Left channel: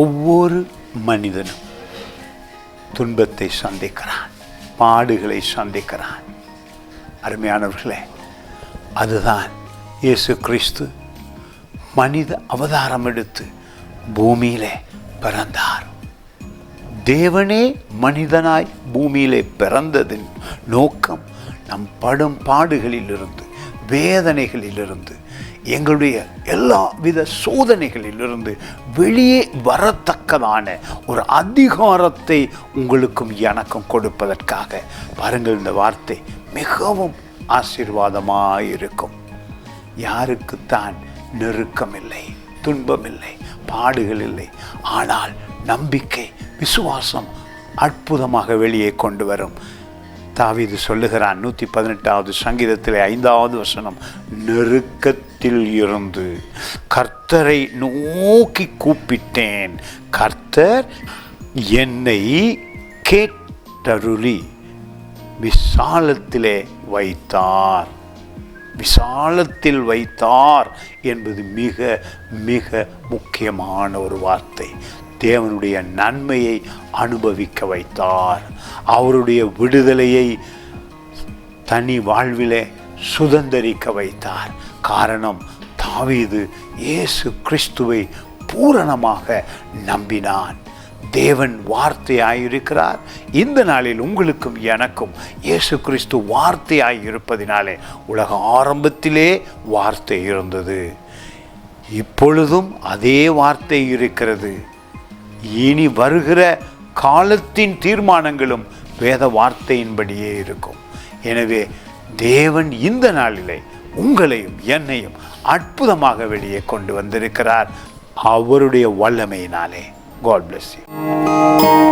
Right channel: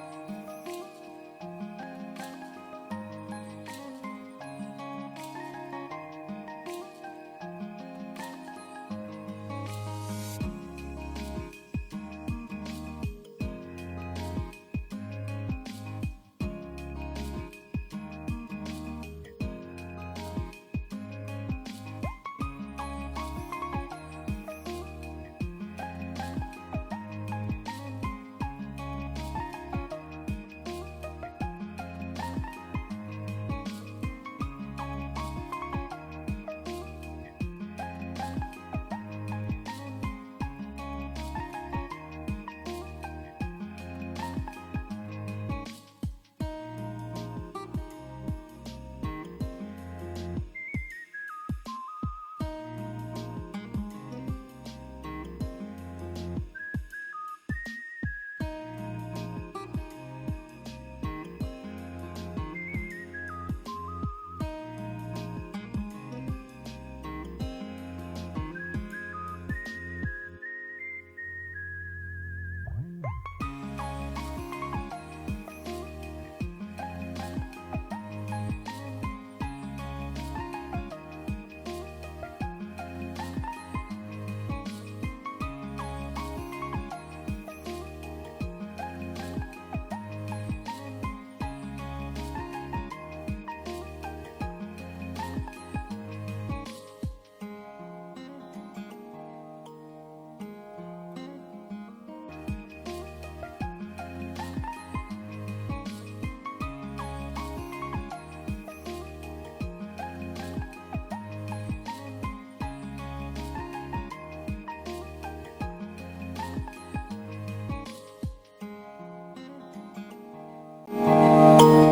ஒவ்வொரு மனிதனும் துன்பத்தை சந்திக்கிறான், பாடுகளை சந்திக்கிறான். அருமையானவர்களே, அதுதான் இயேசு கிறிஸ்து மனித அவதாரம் எடுத்து பூமியிலே பிறந்தார். தேவனே மனிதனாய் பூமியிலே பிறந்ததின் நோக்கம் நம் படும் பாடுகளிலிருந்து, வேதனைகளிலிருந்து, எங்களுடைய எல்லா வித சோதனைகளிலிருந்து வெளியே வரத்தக்கதான ஒரு அதிகாரத்தை உங்களுக்கும் எனக்கும் கொடுப்பதற்காக. பாருங்கள், இந்த வார்த்தை மிகவும் ஆசீர்வாதமாயிருக்கும். யாருக்குத்தான் நெருக்கம் இல்லை, துன்பம் இல்லை, பாடுகள் இல்லை, ஆனால் நம்பிக்கை, விசுவாசம் அற்புதமாக வெளியே கொண்டு வரும். தாவீது சொல்லுகிறான் 118வது சங்கீதத்திலே 5வது வசனம், நெருக்கத்தில் இருந்து கர்த்தரை நோக்கி கூப்பிட்டேன், கர்த்தர் என்னை கேட்டருளி விசாலத்திலே வைத்தார். விசாலத்தில் வைத்தார் என்பது மிக மிக முக்கியமான ஒரு வார்த்தை. தேவனுடைய நன்மையை அனுபவிக்க வைத்தார். அவருடைய விடுதலையை தனி வாழ்விலே சுதந்தரிக்க வைத்தார். காரணம், தாவீது இயேசு கிறிஸ்துவை பூரணமாக நம்பினான். தேவன் வார்த்தையாயிருக்கிறார். இந்த நாளில் உங்களுக்கும் எனக்கும் இயேசு கிறிஸ்து வார்த்தையாயிருப்பதினாலே, உலக ஆரம்பத்திலே வார்த்தை இருந்தது, இப்பொழுதும் அதே வார்த்தை இருக்கிறது. இனி வருகிற காலத்தின் தீர்மானங்களும் வேத வார்த்தையின்படியே இருக்கும். எனவே தேவன் இந்த நாளிலே உங்களையும் என்னையும் அற்புதமாக வெளியே கொண்டு வந்திருக்கிறார் அவருடைய வல்லமையினாலே. God bless you.